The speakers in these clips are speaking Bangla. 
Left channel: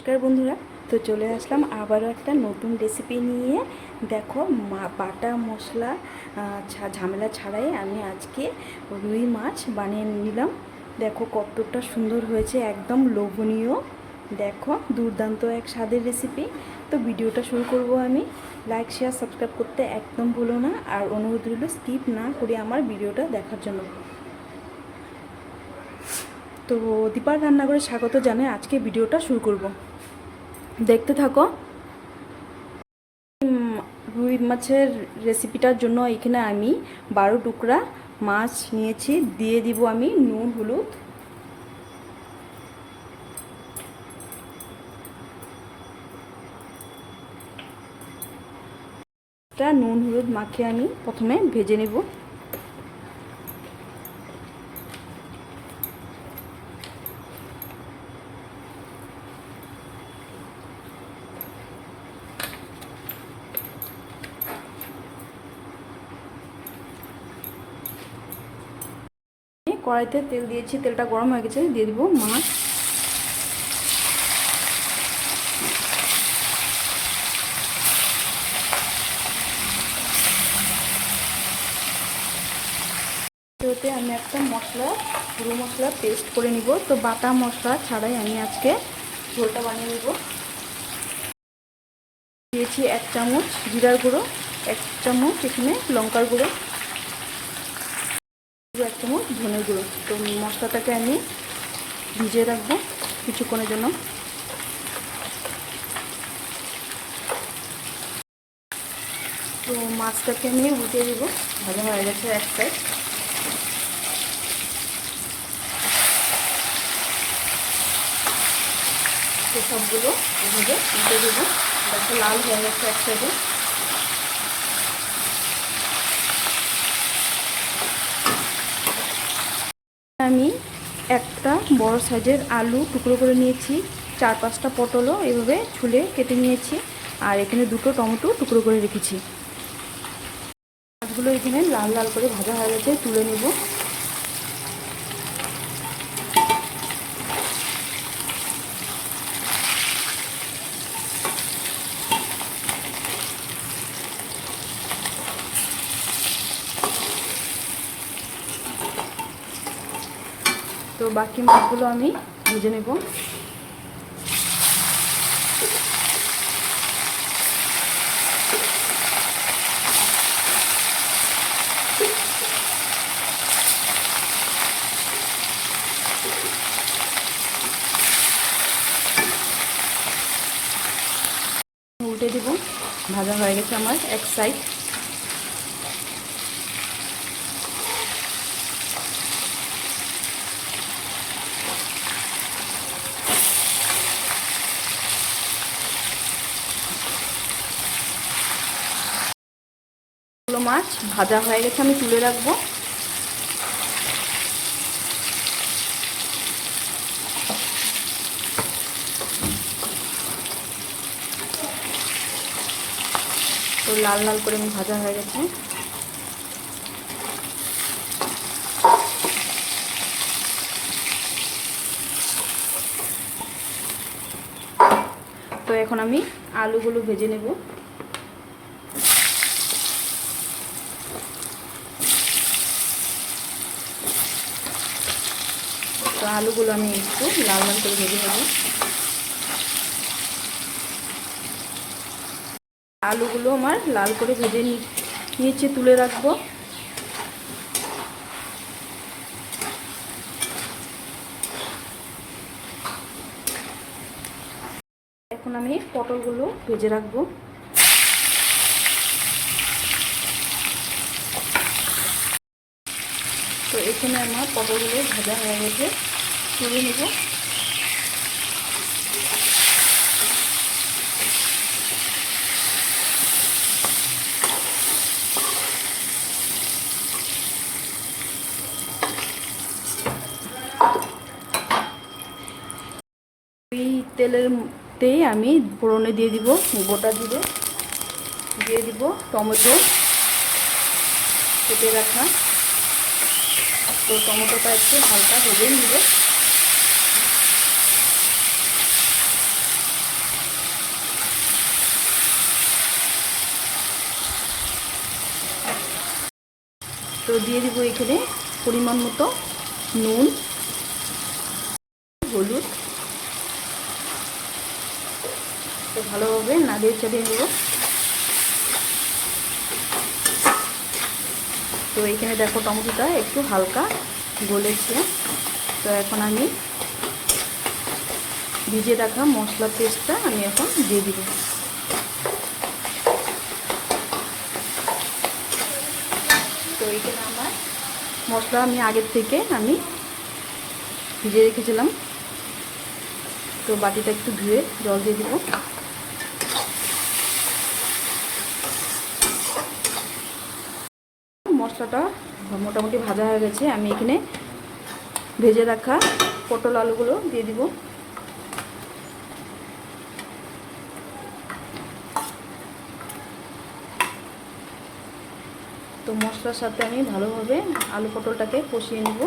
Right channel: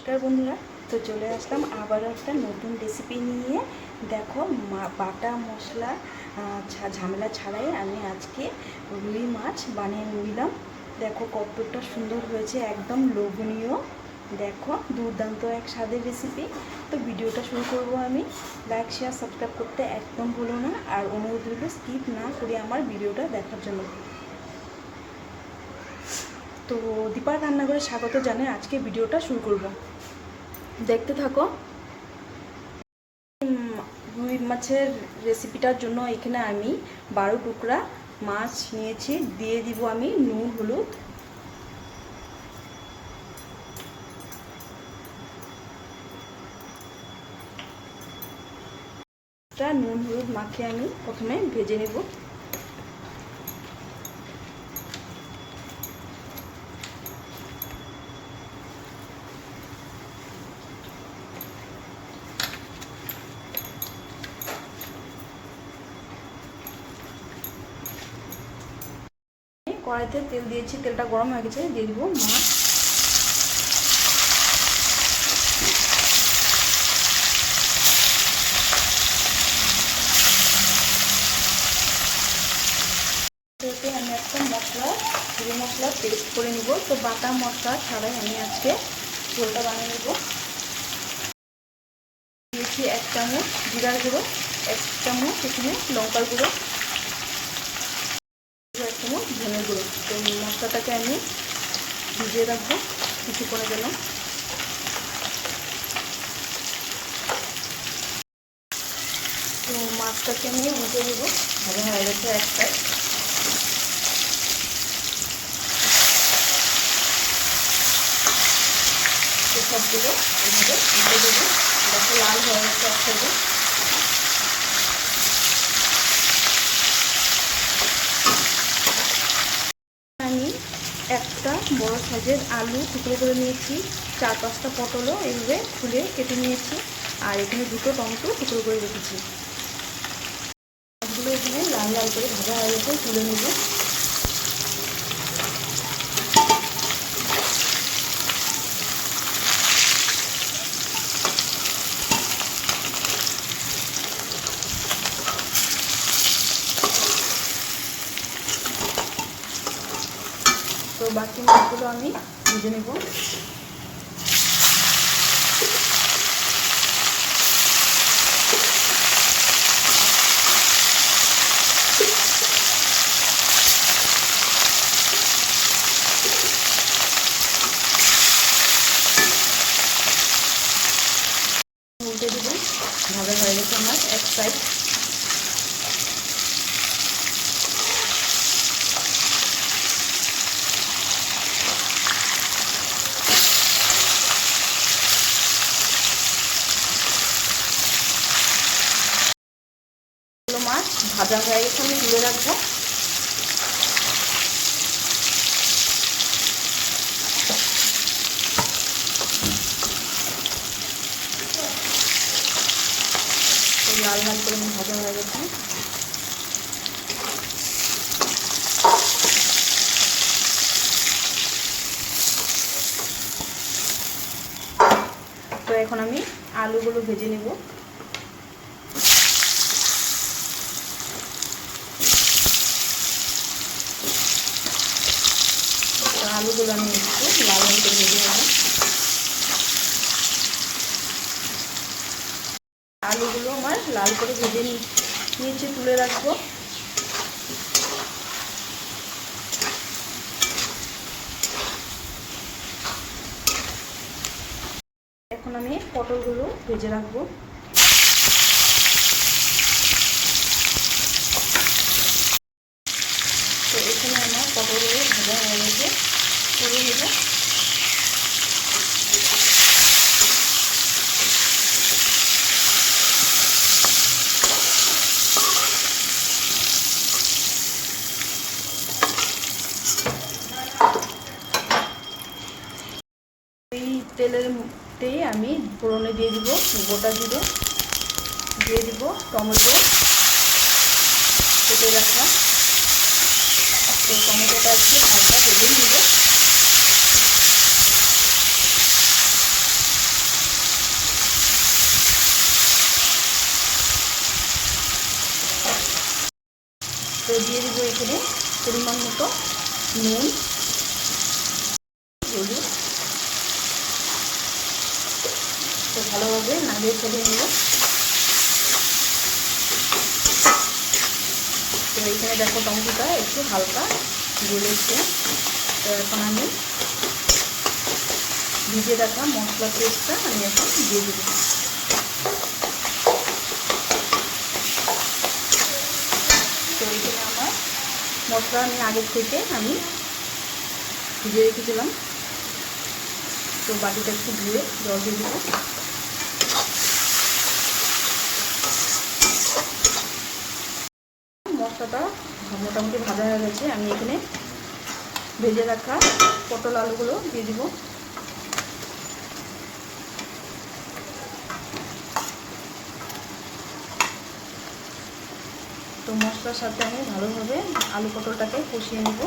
নমস্কার বন্ধুরা। তো চলে আসলাম আবারও একটা নতুন রেসিপি নিয়ে। দেখো বাটা মশলা ঝামেলা ছাড়াই আমি আজকে রুই মাছ বানিয়ে নিলাম। দেখো কতটা সুন্দর হয়েছে, একদম লোভনীয়। দেখো, দুর্দান্ত এক স্বাদের রেসিপি তো ভিডিওটা শুরু করব আমি। লাইক শেয়ার সাবস্ক্রাইব করতে একদম ভুলো না। আর অনুরোধ রইল স্কিপ না করে আমার ভিডিওটা দেখার জন্য। তো দীপার রান্নাঘরে স্বাগত জানাই আজকে ভিডিওটা শুরু করব। দেখতে থাকো। রুই মাছের রেসিপিটার জন্য এখানে আমি বারো টুকরা মাছ নিয়েছি। দিয়ে দিব আমি নুন, হলুদ। নুন, হলুদ মাখিয়ে আমি প্রথমে ভেজে নেব। কড়াইতে তেল দিয়েছি, তেলটা গরম হয়ে গেছে, দিয়ে দিব মাছ আমি একটা মশলা পুরো মশলা পেস্ট করে নিব। তো বাটা মশলা ছাড়াই আমি আজকে ঝোলটা বানিয়ে নেব। দিয়েছি এক চামচ জিরার গুঁড়ো, এক চামচ এখানে লঙ্কার গুঁড়ো এক চামচ ধনে গুঁড়ো তো মশলাটাকে আমি ভিজিয়ে রাখব কিছুক্ষণের জন্য। তো মাছটাকে নিয়ে উঠে দেবো। ভালো হয়ে গেছে এক সাইড সবগুলো উঠে দেবো। লাল হয়ে গেছে এক সাইডে আমি একটা বড় সাইজের আলু টুকরো করে নিয়েছি। চার পাঁচটা পটলও এইভাবে ছুলে কেটে নিয়েছি। আর এখানে দুটো টমেটো টুকরো করে রেখেছি। মাছগুলো এখানে লাল লাল করে ভাজা হয়ে গেছে, তুলে নেব। তো বাকি মাছগুলো আমি ভেজে নেব উল্টে দেব ভাজা হয়ে গেছে আমার এক সাইড এগুলো মাছ ভাজা হয়ে গেছে, আমি তুলে রাখব। লাল লাল করে ভাজা হয়ে গেছে। তো এখন আমি আলুগুলো ভেজে নেব। আলুগুলো আমি একটু লাল করে ভেজে নেব আলুগুলো আমার লাল করে ভেজে নি- নিচে তুলে রাখব। এখন আমি পটলগুলো ভেজে রাখব তো এখানে আমার পটলগুলো ভাজা হয়ে গেছে। তুলে নেব। এই তেলেরতেই আমি ফোড়নে দিয়ে দিব গোটা জিরে। দিয়ে দিব টমেটো। কেটে রাখা। তো টমেটোটা একটু হালকা হলুদ নেব। তো দিয়ে দেবো এখানে পরিমাণ মতো নুন, হলুদ। তো ভালোভাবে নাগিয়ে ফেলে নেব। তো এইখানে দেখো টমেটোটা একটু হালকা গলেছে। তো এখন আমি ভিজিয়ে রাখা মশলা পেস্টটা আমি এখন দিয়ে দিব। তো এইখানে আমার মশলা আমি আগের থেকে আমি ভিজিয়ে রেখেছিলাম। তো বাটিটা একটু ধুয়ে জল দিয়ে দেবো। মোটামুটি ভাজা হয়ে গেছে। আমি এখানে ভেজে রাখা পটল আলুগুলো দিয়ে দিব। তো মশলার সাথে আমি ভালোভাবে আলু পটলটাকে কষিয়ে নেব।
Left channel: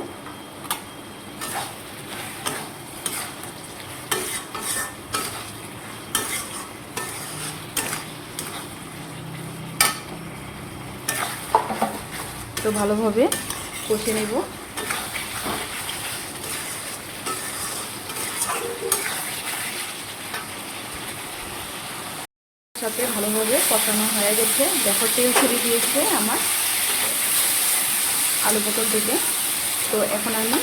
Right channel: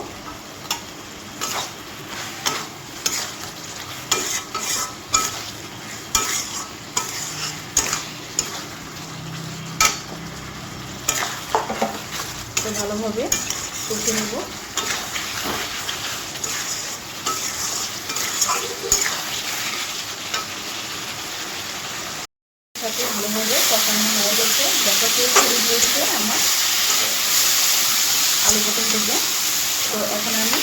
তো ভালোভাবে কষিয়ে নেব। সাথে ভালোভাবে কষানো হয়ে গেছে। দেখো তেল ছেড়ে দিয়েছে আমার আলু পটল থেকে। তো এখন আমি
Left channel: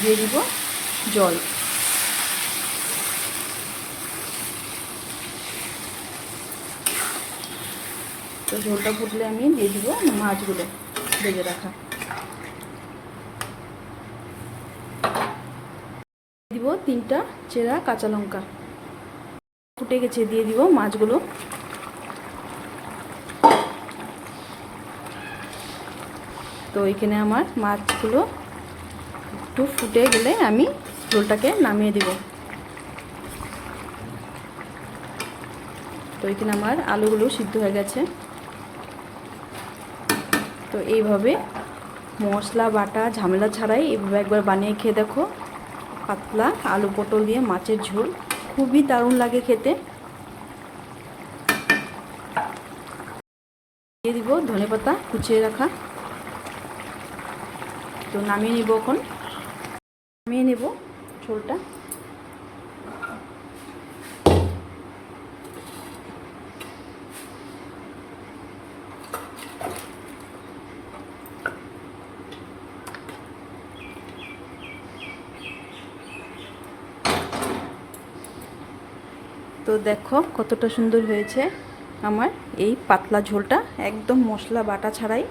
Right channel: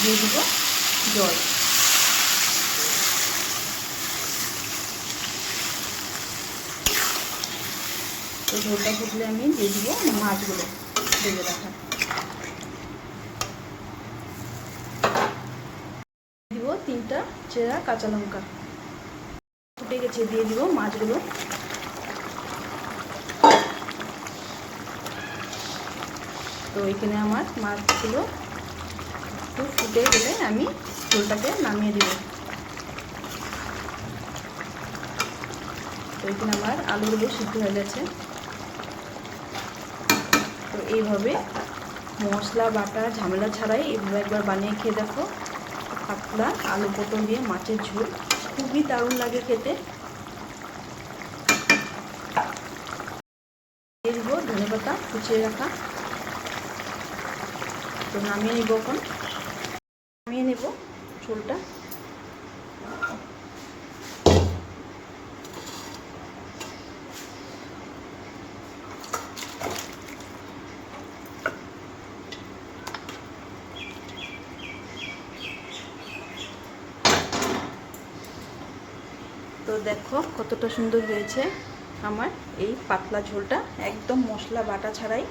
দিয়ে দিব জল। তো ঝোলটা ফুটলে আমি দিয়ে দিব মাছগুলো। ভেজে রাখা। দিব তিনটা চেরা কাঁচা লঙ্কা। ফুটে গেছে, দিয়ে দিব মাছগুলো। তো এখানে আমার মাছগুলো একটু ফুটে গেলে আমি ঝোলটাকে নামিয়ে দিব। তো এখানে আমার আলুগুলো সিদ্ধ হয়ে গেছে। তো এইভাবে মশলা, বাটা, ঝামেলা ছাড়াই এইভাবে একবার বানিয়ে খেয়ে দেখো। পাতলা আলু পটল দিয়ে মাছের ঝোল। খুবই দারুণ লাগে খেতে। দিয়ে দিব ধনে পাতা কুচিয়ে রাখা। তো নামিয়ে নেব এখন। নামিয়ে নেব ঝোলটা। তো দেখো কতটা সুন্দর হয়েছে আমার এই পাতলা ঝোলটা। একদম মশলা বাটা ছাড়াই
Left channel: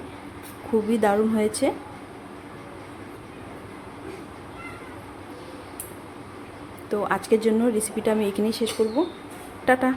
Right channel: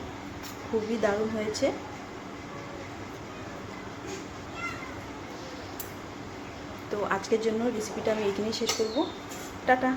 খুবই দারুণ হয়েছে। তো আজকের জন্য রেসিপিটা আমি এখানেই শেষ করব। টাটা।